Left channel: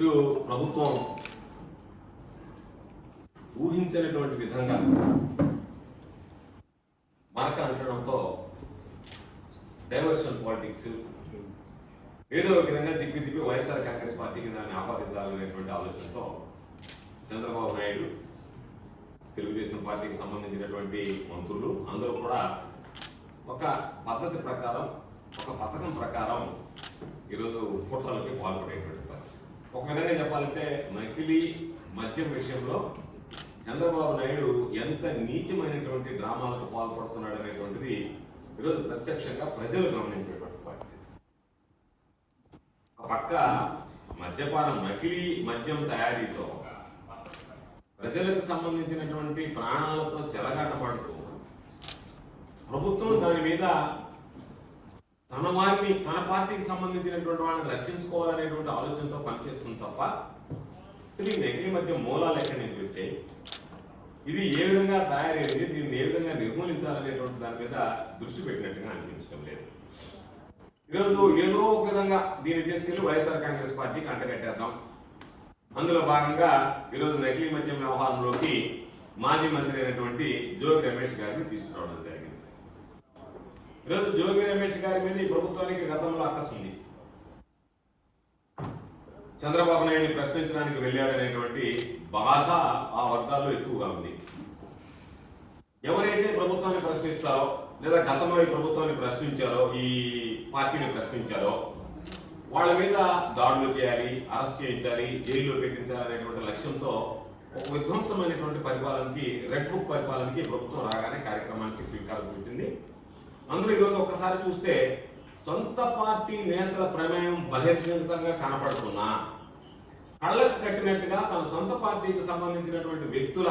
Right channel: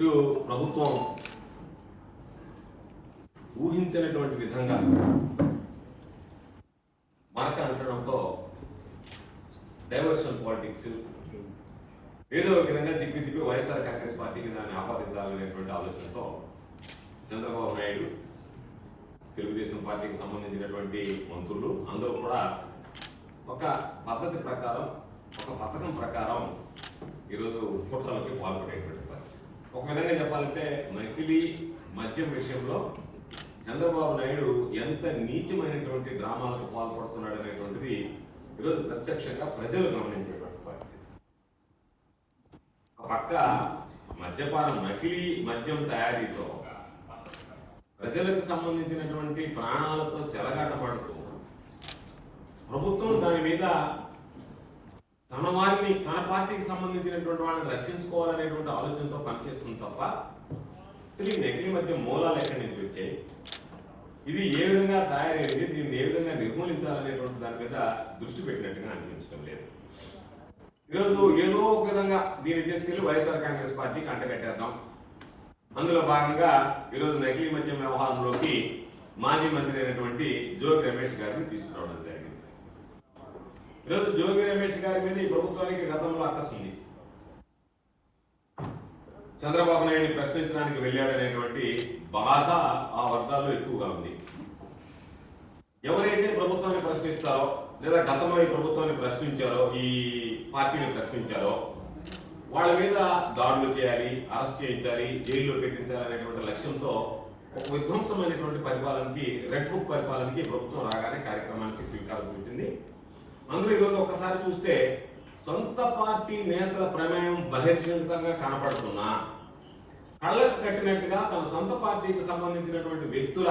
ఇటు ప్రభుత్వం ఊహించినటువంటి విధంగా మరక అంటడంతో డైవర్షన్ పాలిటిక్స్ ఏదో ఒక విధంగా తిప్పి వైఎస్ఆర్ కాంగ్రెస్ పార్టీకి దాన్ని ఆపాదించాలనేటువంటి ఆలోచనతో చంద్రబాబు నాయుడు, తెలుగుదేశం పార్టీకి సంబంధించినటువంటి మంత్రులు అందరూ కూడా ఒక పద్ధతి ప్రకారం, ఒక పథకం ప్రకారం ఈరోజు కుట్రలపై పాల్పడేటువంటి ఒక విధంగా చెప్పాలంటే నకిలీ మద్యం విషయంలో చంద్రబాబు నాయుడు ఎంత నీచమైనటువంటి డ్రామాలకు పాల్పడుతున్నాడు అనేటువంటిది ఈరోజు ప్రత్యక్షంగా ప్రజలు గమనించేటువంటి పరిస్థితి. ఒక పక్క మద్యపానం, నకిలీ మద్యం తయారీతో ప్రజలకు సంబంధించినటువంటి ప్రాణాలతో చెలగాటపడుతూ ప్రభుత్వం దాని మీద తన పార్టీకి సంబంధించినటువంటి వాళ్ళని రక్షించుకోవాలనేటువంటి ఆలోచనతో పనిచేస్తుంది తప్ప అసలు ఈ నకిలీ మద్యం మూలాలు ఎక్కడి నుంచి వచ్చాయి, ఇది ఏ విధంగా తయారైంది, దీన్ని ఏ విధంగా నిర్మూలించాలనేటువంటి దాని మీద దృష్టి పెట్టినట్టుగా అనిపించడం లేదు. ఈరోజు ఏదో ఒక విధంగా దీన్ని తీసుకెళ్లి వైఎస్ఆర్ కాంగ్రెస్ పార్టీకి అంటగట్టేద్దాం. అందులో భాగంగా ఈరోజు నకిలీ మద్యం వ్యవహారంలోకి మాజీ మంత్రి అయినటువంటి జోగి రమేష్ గారిని తీసుకురావడం జరిగింది. ఈరోజు జోగి రమేష్ గారి మీద ఈ ప్రభుత్వానికి గతంలో అక్కసు ఉంది. చంద్రబాబు నాయుడిని ప్రశ్నించడానికి వెళ్ళాడనేటువంటి బాధ ఆ వర్గాల్లో ఎక్కువగా ఉంది. ఎవరైతే ప్రభుత్వాన్ని ప్రశ్నిస్తారో లేదా గతంలో ఈ ప్రభుత్వాన్ని ప్రశ్నించారో, ఈ పార్టీని ప్రశ్నించారో వాళ్ళ మీద దాడులు చేయాలి, అరెస్ట్ చేయించాలి, జైల్లో పెట్టించాలనేటువంటి లక్ష్యంతో ఒక విధ్వంసమైనటువంటి పరిపాలనకి, రెడ్ బుక్ పరిపాలనకి ప్రభుత్వం రాగానే కార్యక్రమానికి శ్రీకారం చుట్టింది. అందులో ఈరోజు ఒక్కసారి చూస్తే సొంత పార్టీ నేతల ప్రమేయం బహిర్గతంగా కనపడుతున్నా, కళ్ళకు కట్టినట్టుగా తన సొంత పార్టీకి సంబంధించినటువంటి వ్యక్తుల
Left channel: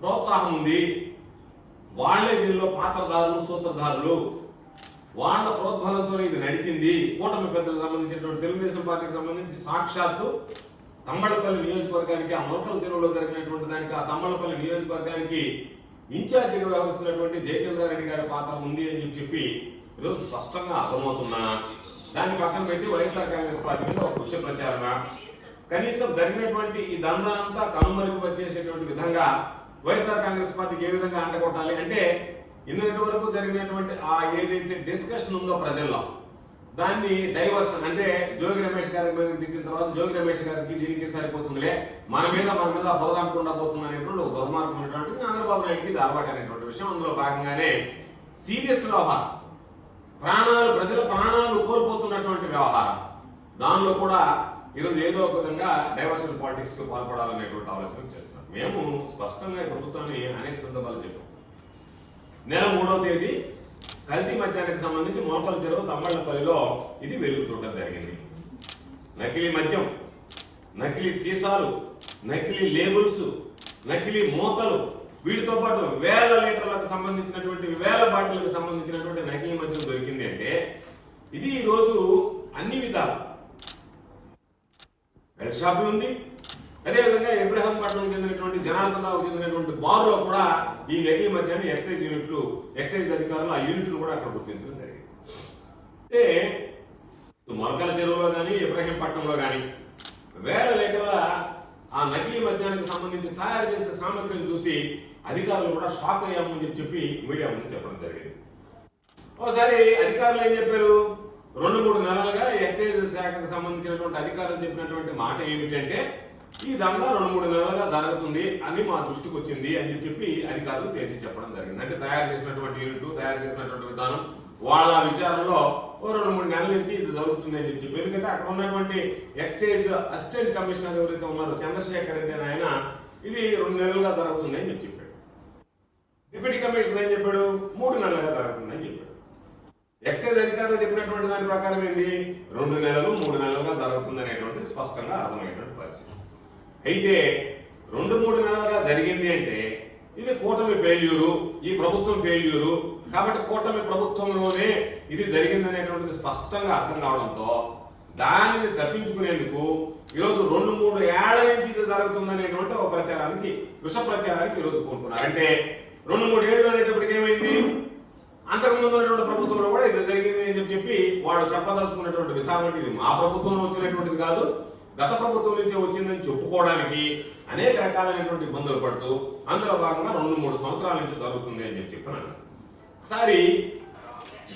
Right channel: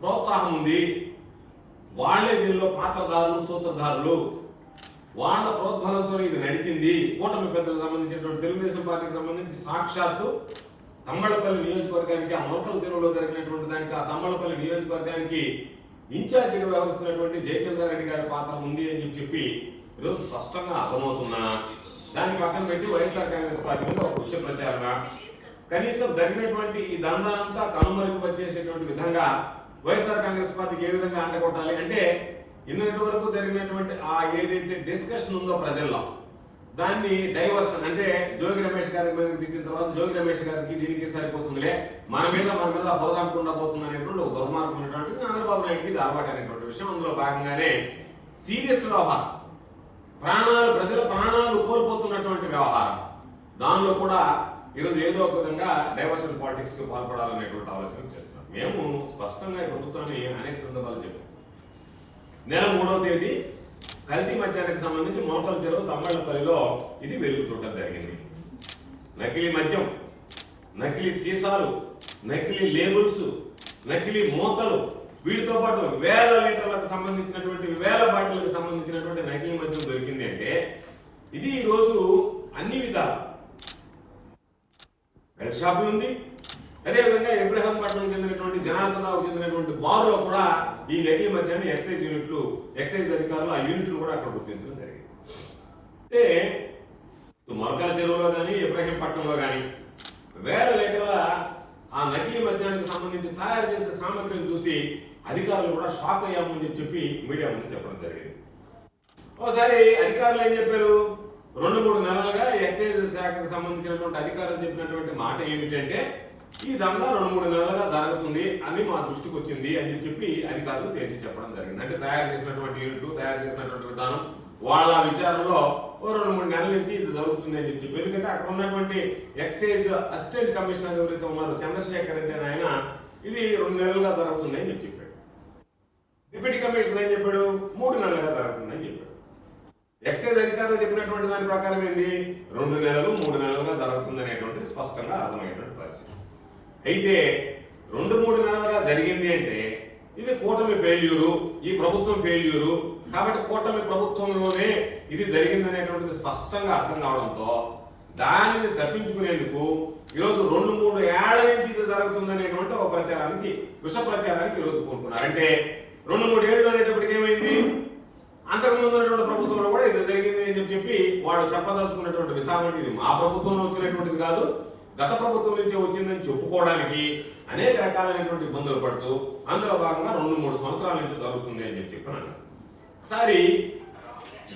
ప్రోత్సాహం ఉంది, వాళ్లే దీనిలో పాత్రదారులు, సూత్రధారులు, వాళ్ళ ప్రోద్బలంతో ఇది నడిచింది. కూటమి పెద్దలకు సంబంధించినటువంటి తెలుగుదేశం పార్టీకి సంబంధించి సాక్షాత్తు తమ్మళ్లపల్లి నియోజకవర్గానికి, ఆ మొక్కల చెరువులో జరిగినటువంటి దానికి, ఆ తమ్మళ్లపల్లి నియోజకవర్గానికి ఇన్ఛార్జిగా వ్యవహరిస్తున్నటువంటి జయచంద్రారెడ్డి గారి పాత్ర ఉంది అని చెప్పి ఈరోజు స్పష్టంగా అర్థమవుతున్నా, దాన్ని పక్కన పెట్టి వైఎస్ఆర్ కాంగ్రెస్ పార్టీలో ఒక పుష్య ప్రచారణ, కనీసం జరిగినటువంటి ఈ దందానంతా కనుమరుగు విధంగా వైఎస్ఆర్ కాంగ్రెస్ పార్టీకి ఏ విధంగా అండగొట్టాలి అంటే, ఇన్నటి వరకు జరిగినటువంటి ఆ ఏదైతే డిస్కషన్ ఉందో ప్రజల్లో, దాన్ని డైవర్షన్ అంటే జోగి రమేష్ గారి మీద తిట్టిన తర్వాత జోగి రమేష్ గారికి దీనికి సరిపోతుందిలే, మన మీద బురదకుండా పోతుంది అనేటువంటి ఒక దుర్మార్గం అనేటువంటి చంద్రబాబు నాయుడికి ఇది అలవాటు అనేటువంటి విషయం. అందులో భాగంగానే సీరియస్ వ్యవహారం, ప్రజల ప్రాణాలు కోల్పోతున్నటువంటి వ్యవహారం, దానిలో కూడా ఈరోజు ఏదో ఒక విధంగా డైవర్షన్ పాలిటిక్స్ కు పాల్పడాలనేటువంటి ఆలోచన చేస్తున్నాం. మేము స్పష్టంగా ప్రభుత్వాన్ని అనేక సందర్భాలు చెప్పాం. నెల 3వ తేదీ కల్తీ మద్యానికి సంబంధించి మోకల చెరువు తమ్మళ్లపల్లిలో ఇది వెలుగు చూడడం జరిగింది. నకిలీ మద్యం, నకిలీ సీసాలు, నకిలీ లేబుల్స్, నకిలీ మూతలు, వీటితో పాటు వేల లీటర్లకు సంబంధించినటువంటి, వేల బాటిళ్లకు సంబంధించినటువంటి నకిలీ మద్యం దొరికింది అంటే ఇది ఈ రోజు అన్ని విధాలు బెల్ట్ షాపులు ఉంది. అదేవిధంగా ఇబ్రహీంపట్నం చెందినటువంటి జనార్దన్ రావు చెందినటువంటి బార్లో కూడా ఈ నకిలీ మద్యాన్ని ఎక్సైజ్ అధికారులు ఆ యూనిట్లు కూడా అక్కడ గుర్తించడం జరిగింది. అంటే మొలకల చెరువులో కానీ ఇబ్రహీంపట్నంలో కానీ వేల లీటర్ల ఆ నకిలీ మద్యానికి సంబంధించి తయారు చేసే సామగ్రిని చూసి అధికారులు కూడా షాక్ అయ్యామని చెప్పి మీడియా ముందు చెప్పడం జరిగింది. ఒకసారి అధికారులు ఏం చెప్పారు, 2-3 నెలలుగా ఎక్సైజ్ శాఖకు సంబంధించినటువంటి అధికారులు చెప్పినటువంటి మాట ఏమిటంటే, ఈ దందా 2-3 నెలలుగా జరుగుతుంది అని మా దృష్టికి వచ్చింది అని చెప్పి అధికారులు తేల్చి చెప్పడం జరిగింది. అంటే తయారు చేసినటువంటి యూనిట్, తయారు చేసినటువంటి విధానం, వాళ్ళ విచారణలో 2-3 నెలల నుంచి ఇది జరుగుతుంది అని చెప్పి, ఎందుకంటే అక్కడ ఉన్నటువంటి ఎక్సైజ్ అసిస్టెంట్ కమిషనర్ ఎవరైతే ఉన్నారో చంద్రశేఖర్ రెడ్డి అని ఆయన, ఇది 2 నెలలుగా జరుగుతుంది అని చెప్పాడు. డిప్యూటీ కమిషనర్ ఏం చెప్పాడు, 3 నెలలుగా జరుగుతుంది అని చెప్పాడు. ఎక్సైజ్ అధికారులు చెప్పినటువంటి దాని ప్రకారం ఏంది, 2 నెలలు 3 నెలలుగా జరుగుతుంది అనేటువంటిది స్పష్టంగా అర్థమైనటువంటి పరిస్థితి. అయితే 2-3 నెలలుగా జరిగింది అంటే ఇది కూటమి ఫెయిల్యూరు, ఈ ప్రభుత్వం ఫెయిల్యూరు కాబట్టి కూటమి ప్రభుత్వంలోనే ఇది జరిగింది అనేటువంటిది స్పష్టంగా అర్థం కావడంతో దానిని తప్పించుకునేందుకు ఈరోజు 2-3 ఏళ్ల నుంచి ఇది జరుగుతుందనేటువంటి ఒక ప్రచారానికి, విష ప్రచారానికి ఈరోజు కోరుకున్నారు. అంటే 2-3 ఏళ్ళు అనేటప్పటికి ఏమైంది, అంతకుముందు ఉన్నటువంటి ప్రభుత్వంలో కూడా ఇది జరిగింది అని చెప్పి వాడు చెప్పదలుచుకున్నటువంటి విధానం ఇది మా ప్రభుత్వం వచ్చినటువంటిది కాదు, గత ప్రభుత్వం నుంచే వచ్చిందని చెప్పుకోవడానికి అనేక రకాలైనటువంటి ఇబ్బందులు పడుతూ అందులో భాగంగా 2-3 సంవత్సరాల నుంచి జరుగుతుంది అని చెప్పాను. ఒకసారి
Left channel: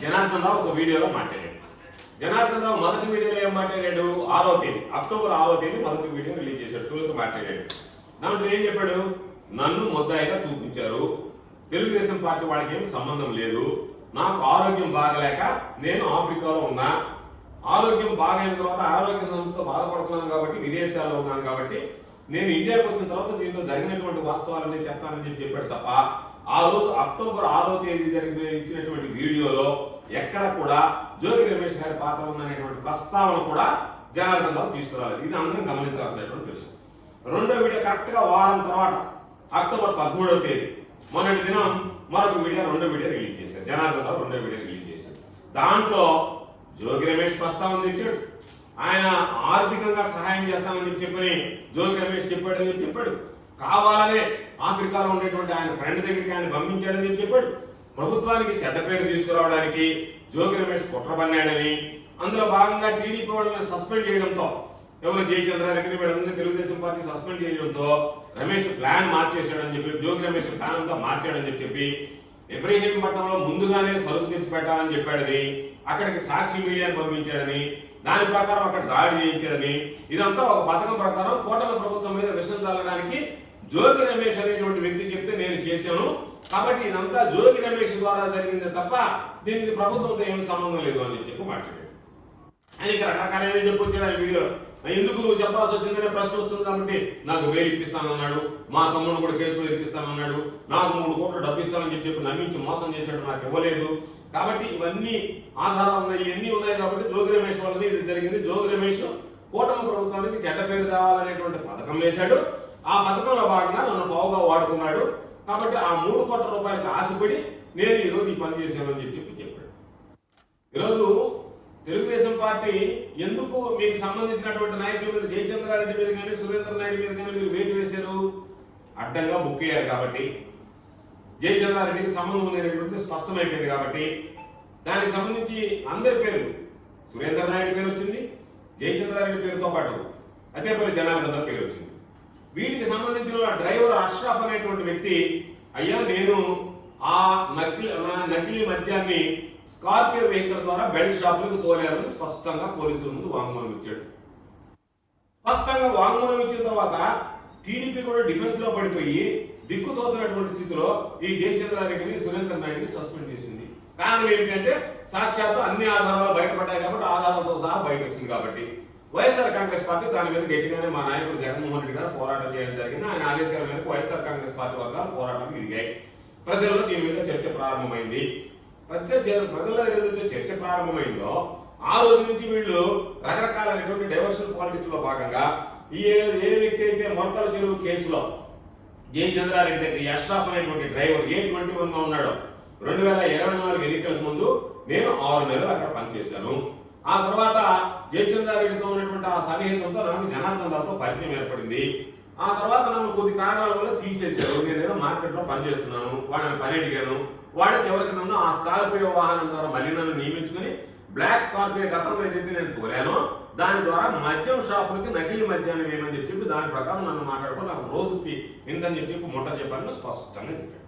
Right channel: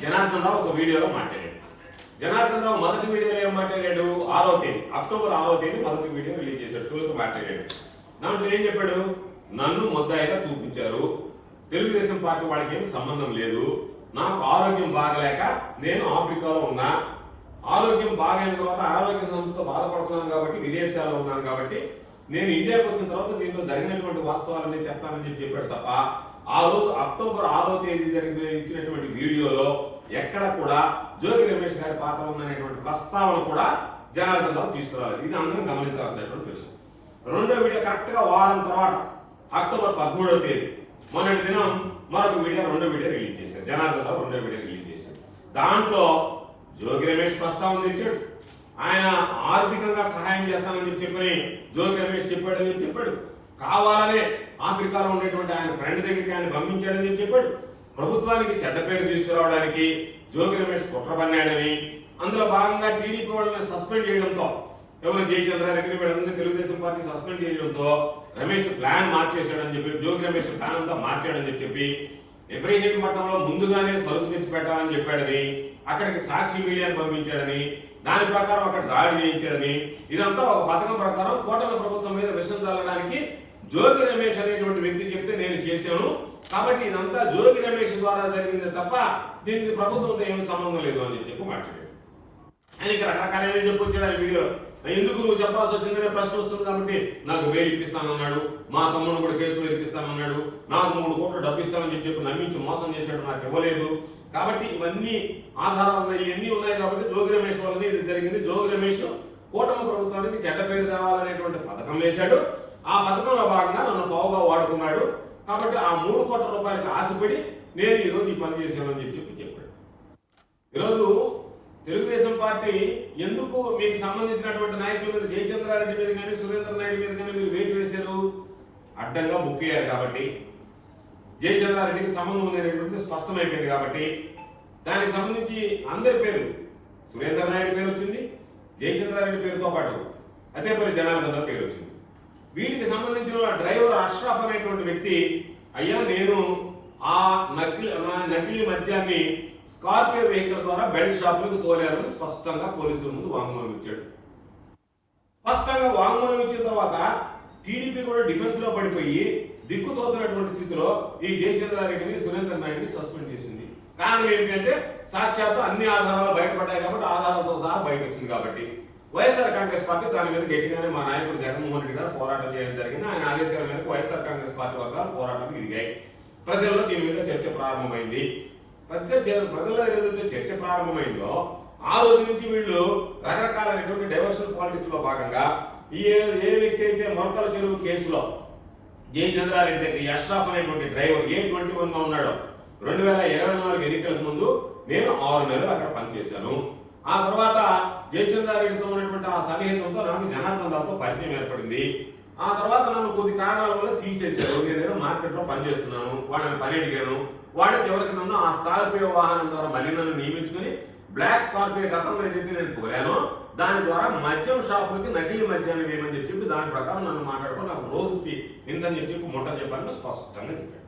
జనార్దన్ రావు ఒక వీడియోలో మాట్లాడాడు. జనార్దన్ రావు మొదటి వీడియోలో ఏం మాట్లాడాడు? 6వ తేదీ అక్టోబర్ 6వ తేదీ మొదటి వీడియో రిలీజ్ చేశాడు. టూలకు మాట్లాడాడు. దాంట్లో ఏం చెప్పాడు? నన్ను ముద్దాయిగా చూపించారు, తెలుగుదేశం పార్టీ వాళ్ళకి ఏమి సంబంధం లేదు, నాకు ఆరోగ్యం బాగలేక నేను ఆఫ్రికాలో ఉన్నా, ఆరోగ్యం బాగైన తర్వాత ఆరోగ్య సంస్థ బాధపడుతున్నాను కాబట్టి విదేశాల్లో ఉన్నాను కాబట్టి నేను ఇండియాకి వచ్చిన తర్వాత దీంట్లో జరిగినటువంటి వాస్తవాలన్నీ చెప్తానని చెప్పాడు తప్ప ఆ రోజు అక్టోబర్ 6వ తేదీ ఇచ్చినటువంటి వీడియోలో ఎక్కడ కూడా జోగి రమేష్ గారి పాత్ర ఉందనేటువంటి ప్రస్తావన కూడా జనార్దన్ రావు తీసుకురాలేదు. ఇది అందరం గమనించాల్సినటువంటి విషయం. రెండో వీడియో కరెక్ట్ గా వారం తర్వాత అక్టోబర్ 13వ తేదీ మొన్నటి దినం మరొక వీడియో, రెండో వీడియో రిలీజ్ చేశారు. జనార్దన్ రావు రెండో వీడియో రిలీజ్ చేశారు. దాంట్లో జోగి రమేష్ ప్రస్తావన తెచ్చాడు. ఆయన ఆర్థికంగా సహాయం చేస్తానని చెప్పని జోగి రమేష్ చెప్పాడని చెప్పాడు. కావాలనే ఆఫ్రికాలో ఉండేటువంటి ఆయన ఫ్రెండ్ దగ్గరికి ఆయన పంపించాడని చెప్పాడు. ప్రభుత్వానికి చెడ్డ పేరు తీసుకురావడానికి జోగి రమేష్ కుట్ర పన్నాడని, అందులో భాగంగా టీడీపీ వాళ్ళని సస్పెండ్ చేయడంతో, ఎవరు జయచంద్రారెడ్డి వీళ్ళందరినీ తెలుగుదేశం పార్టీ సస్పెండ్ చేయడంతో రమేష్ ప్లాన్ మార్చేశాడని చెప్పి, జోగి రమేష్ ప్లాన్ అంతా మార్చాడని చెప్పి ఇబ్రహీంపట్నంలో ముందుగానే సరుకు తెచ్చి పెట్టాలని చెప్పాడని, అక్కడికి సాక్షి మీడియాను పంపించాడని, దాని ప్రకారం అక్కడ దాడి చేయించాడని, ఇదంతా ఒక పథకం ప్రకారం కూటమి ప్రభుత్వం మీద విషయం చల్లడానికి జోగి రమేష్ అనేటువంటి వ్యక్తి చెప్తే నేను చేశాను, కాబట్టి ఇదంతా జోగి రమేష్ ద్వారా జరిగింది తప్ప దీనికి ప్రభుత్వంతో ఏమి సంబంధం లేదు అని చెప్పి మాట్లాడాడు. అని రకరకాల చెప్పొచ్చాడు ఆ వీడియో. ఎందుకు నువ్వు చెప్పాల్సి వచ్చిందనే ప్రశ్న వస్తుంది కాబట్టి నాకు బెయిల్ ఇప్పిస్తానన్నాడు, మా తమ్ముడు కూడా కేసులో ఇప్పిస్తానన్నాడు, నాకు 3 కోట్లు డబ్బు ఇస్తానని చెప్పి నమ్మించి మోసం చేశాడు, నాకు ఇవ్వలేదు. కాబట్టి ఇవన్నీ ఆధారాలు ఉన్నాయి, ఇవన్నీ ఉన్నాయి కాబట్టి జోగి రమేష్ వల్లనే ఇది జరిగింది. జోగి రమేష్ కూటమి ప్రభుత్వానికి చెడ్డ పేరు కావాలనేటువంటి పథకం వేశాడు. ఆ పథకంలో భాగంగా నన్ను పావుగా వాడుకున్నాడు. కాబట్టి ఆ 3 కోట్ల రూపాయలకు ఆశపడి నేను ఈరోజు ఈ పని చేశాను అని చెప్పి చెప్పాడు. ఈరోజు తెలుగుదేశం పార్టీ ఎందుకు మీకు సంబంధించినటువంటి నాయకుల మీద, జయచంద్రారెడ్డి మీద కానీ సురేందర్ నాయుడు మీద కానీ మీరు వేటు వేశారు? అడ్డంగా బుక్ అయ్యారు కాబట్టి, జయచంద్రారెడ్డికి సంబంధం ఉందనేటువంటిది స్పష్టమైపోయింది కాబట్టి, దానికి సంబంధించి అందరి పేరు, సురేందర్ నాయుడు పేరు వచ్చింది, జయచంద్రారెడ్డి పేరుతో పాటు అదే పేరు జనార్దన్ పేరు వచ్చింది. వీటికి సంబంధించిన డ్రైవర్ అష్రాఫ్ అనేటువంటి వ్యక్తి, అయ్యా నేను ఆ నకిలీ మద్యాన్ని స్కార్పియో వెహికల్ ద్వారా బెల్ట్ షాప్ లకు తోలారని స్పష్టంగా పోలీసుల ముందు వాంగ్మూలం ఇచ్చాడు. స్పష్టంగా వాంగ్మూలం ఇచ్చిన తర్వాత టీడీపీ కూడా డిఫెన్స్ లో పడిపోయి దిక్కుతోచినటువంటి స్థితిలో ఈ జయచంద్రారెడ్డిని, సురేందర్ నాయుడిని సస్పెండ్ చేసింది. కారణం ఏమిటంటే సాక్షాత్తు అన్ని ఆధారాలు బయటపడ్డాయి కాబట్టి, ఆధారాలతో సహా బయట వచ్చింది కాబట్టి వైఎస్ఆర్ కాంగ్రెస్ పార్టీ దాని మీద గట్టిగానే మా నాయకుడు జగన్మోహన్ రెడ్డి గారు పోరాటం చేయడం జరిగింది. ఆయన ఆదేశాల మేరకు వైఎస్ఆర్ కాంగ్రెస్ పార్టీ వర్గాలు పోరాటం దిగాయి. ప్రజల్లో దీని మీద చర్చ ప్రారంభమైంది. ప్రజల్లో ఏదైతే చర్చ ప్రారంభమైందో ఆ రోజు నుంచి వీళ్ళు రకరకాలైనటువంటి డైవర్షన్ పాలిటిక్స్ లో భాగంగా ఏ వ్యక్తి అయితే మొలకల చెరువు కేసులో జయచంద్రారెడ్డి దగ్గర అష్రాఫ్ అనేటువంటి డ్రైవర్ A21 గా ఉన్నాడు. 2024 ఎన్నికలకు ముందు నేను 6 నెలలు అక్కడ పనిచేశాను. ఆ తర్వాత జయచంద్రారెడ్డితో ఉన్నటువంటి ఆ సన్నిహితంతో నాకు జనార్దన్ రావుతో పరిచయం ఏర్పడింది. ఆ తర్వాత నన్ను కొద్ది కారణాల వల్ల తీసేశారు. నేను ఏదో మార్కెట్ లో పనిచేస్తున్నాను, వాళ్ళని పని అడిగాను. వాడి చివరికి నన్ను ఆ స్కార్పియో వాహనం ద్వారా మళ్ళీ నన్ను నియమించుకుని బ్లాక్ స్కార్పియో గతంలో ఏదైతే నేను తోలానో దాని ద్వారా మద్యం షాపులకి నకిలీ మద్యాన్ని వేయమని చెప్పి దాని ప్రకారం నన్ను మాట్లాడుకుని నాకు రోజుకి ఇంతని చెప్పి ముట్ట చెప్పాలని స్పష్టంగా చెప్పాను.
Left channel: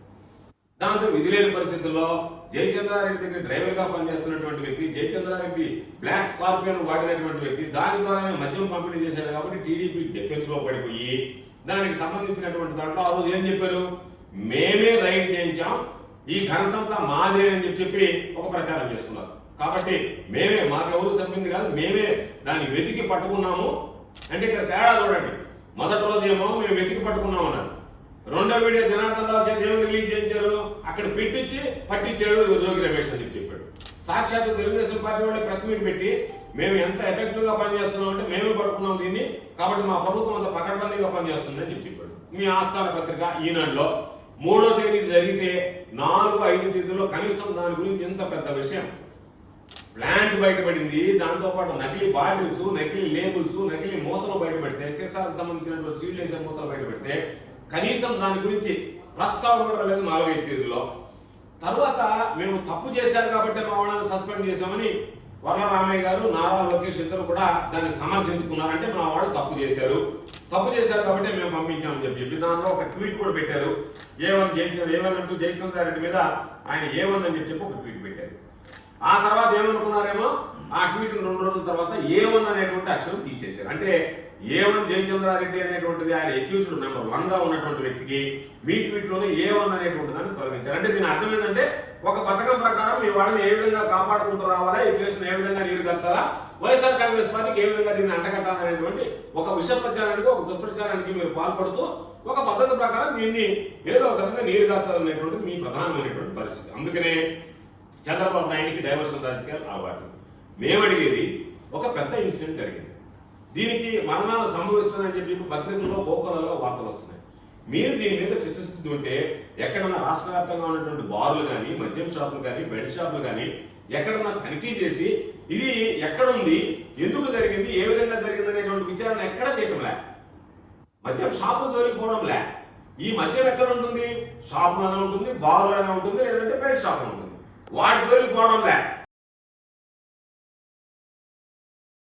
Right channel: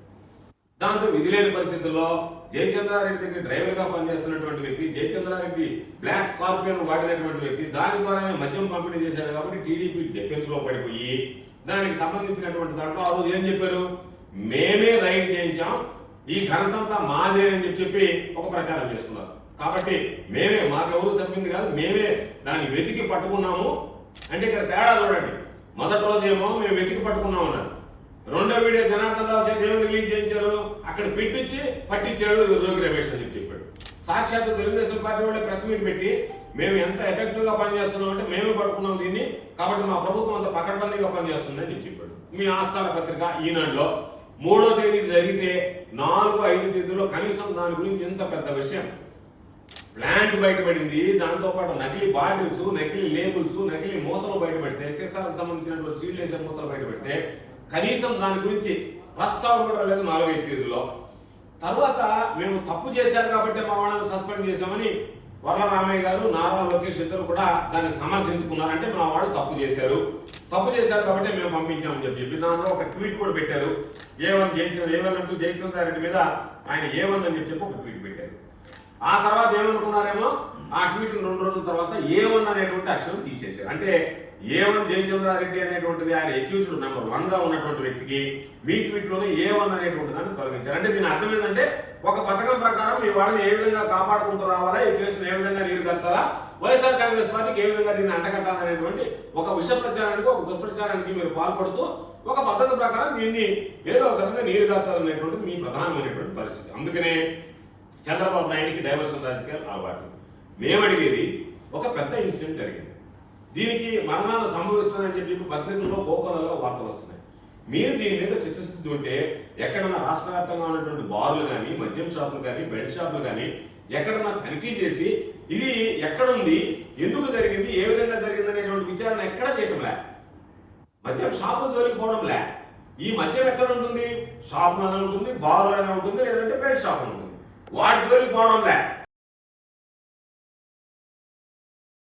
దాంతో విధి లేని పరిస్థితుల్లో జయచంద్రారెడ్డి దగ్గర డ్రైవర్ గా పనిచేస్తున్నటువంటి వ్యక్తి, జయచంద్రారెడ్డి బ్లాక్ స్కార్పియోను వాడినటువంటి వ్యక్తి, దాని ద్వారానే మద్యం పంపిణీ చేశాడు కాబట్టి టీడీపీ డిఫెన్స్ లో పడిపోయి దానికి సంబంధించినటువంటి దాంట్లో ఆ రోజు ఏం చెప్పారు? మేమే రైడ్ చేయించాం, ఈ ఘనతంతా మాదే అని చెప్పి ఒక ప్రచారం చేస్తున్నారు. కాబట్టి మేమే, మాకెవరు సర్వింగ్ కాదు, మేమే దాన్ని వెతికి పట్టుకున్నాము అంటే ఇక్కడ తేడా చూడండి. మొదటి రోజు ఏమో మేము వెతికి పట్టుకున్నాం అన్నారు. రెండో వీడియో జనార్దన్ రావు చేతి ఏమి రిలీజ్ చేయించారు? అక్కడ పెట్టించి పట్టించాడు జోగి రమేష్ అని చెప్పాడు. సాక్షాత్ తెలుగుదేశం పార్టీ వాళ్ళు ప్రెస్ మీట్ పెట్టి మేము ఎంత ఎఫెక్టివ్ గా పనిచేస్తున్నాం అంటే మేము పట్టుకున్నాం దీన్ని, కాబట్టి మా ప్రభుత్వం అంత పకడ్బందీగా పనిచేస్తుంది అని చెప్పాడు. మీ ఆస్థాన పత్రిక ఈనాడులో 3వ తేదీ జరిగితే 4-5 తేదీలో కనీసం దాని గురించి ఎంత పెద్ద విషయం ప్లాంట్ బయటపడింది. దాంతో పాటు నకిలీ బాటిల్స్, నకిలీ లేబుల్స్, నకిలీ మూతలు బయటపెడితే, సీసాలకు సంబంధించినటువంటి సీల్లేసే మూతలు బయటపెడితే కనీసం దాని గురించి ప్రస్తావన కూడా లేదు 4-5 తేదీలో. తర్వాత మేము తప్పు చేశారు కాబట్టి మా వాళ్ళని సస్పెండ్ చేశామని వరలరామయ్య గారు, నారా లోకేష్ ఇద్దరు కూడా దాన్ని సమర్థించుకున్నారంటే మా వాళ్ళు తప్పు చేశారు కాబట్టి మేము పంపించామని చెప్పి దాంట్లో ఒక ట్వీట్ కూడా పెట్టారు. ఏమనంటూ జయచంద్ర రెడ్డి మీద ఆయన ఏమని చెప్పి ఒక ట్వీట్ పెట్టారు. ఆ తర్వాత ఏమనుకున్నారేమో ఆ ట్వీట్ 2 రోజుల తర్వాత ఏమన్ అనేటువంటి అక్షరం తీసేశారు. అంటే ఏమన్ జయచంద్రారెడ్డి అనేటువంటిది ఆయన అక్యూజ్డ్ నెంబర్ 1 గా ఉన్నటువంటి వ్యక్తికి మీ ట్వీట్ లోనే ఏమన్ అనేటువంటి దాన్ని తొలగించారు. అంటే దీని అర్థం ఏంటంటే ఒక పథకం ప్రకారం మీ వాళ్ళని ఏ విధంగా కాపాడుకుంటూ రావాలా, ఈ కేసును ఏ విధంగా నీరు కలసాలా, వైఎస్ఆర్ కాంగ్రెస్ పార్టీకి ఏ విధంగా దీన్ని అంటగట్టాలనేటువంటి ఒక విష ప్రచారానికి, ఒక దుష్ప్రచారానికి మీరు పాల్పడుతూ ఒక పద్ధతి ప్రకారం దీన్ని ఏదో ఒక విధంగా నీరు కాల్చాలనేటువంటిది మీ ప్రధానమైనటువంటి పరిస్థితి. అందుకనే చంద్రబాబు నాయుడికి డైవర్షన్ రాజకీయాలు అలవాటు. మేము అడిగేది ఒక పెద్ద ఇన్సిడెంట్ జరిగింది, దీనికి మరణాలు సంభవిస్తుందని చెప్పి పత్రికల్లో కోకొలలుగా వార్తలు వస్తున్నాయి. మీరు దీని మీద చర్చిస్తుంటే ఎక్కడన్నా రాష్ట్ర వ్యాప్తంగా ఉన్నటువంటి బార్లు కానీ, మద్యం షాపులు కానీ, బెల్ట్ షాపులు కానీ ఎక్కడన్నా తనిఖీ చేసి ఇది ఎక్కడుంది, ఎందుకు జరిగింది, ఏ విధంగా జరిగింది అనేటువంటి విచారణ ఎక్కడ చేయడంలే. మద్యం షాపులు దొరికిపోవడంలే. ఈ మద్యం ఎక్కడ ఉంటుంది? షాపులోనే ఉంటుంది, బార్లోనే ఉంటుంది, లేదంటే బెల్ట్ షాపులో ఉంటుంది. వాటి దొరికిపోవడంలే.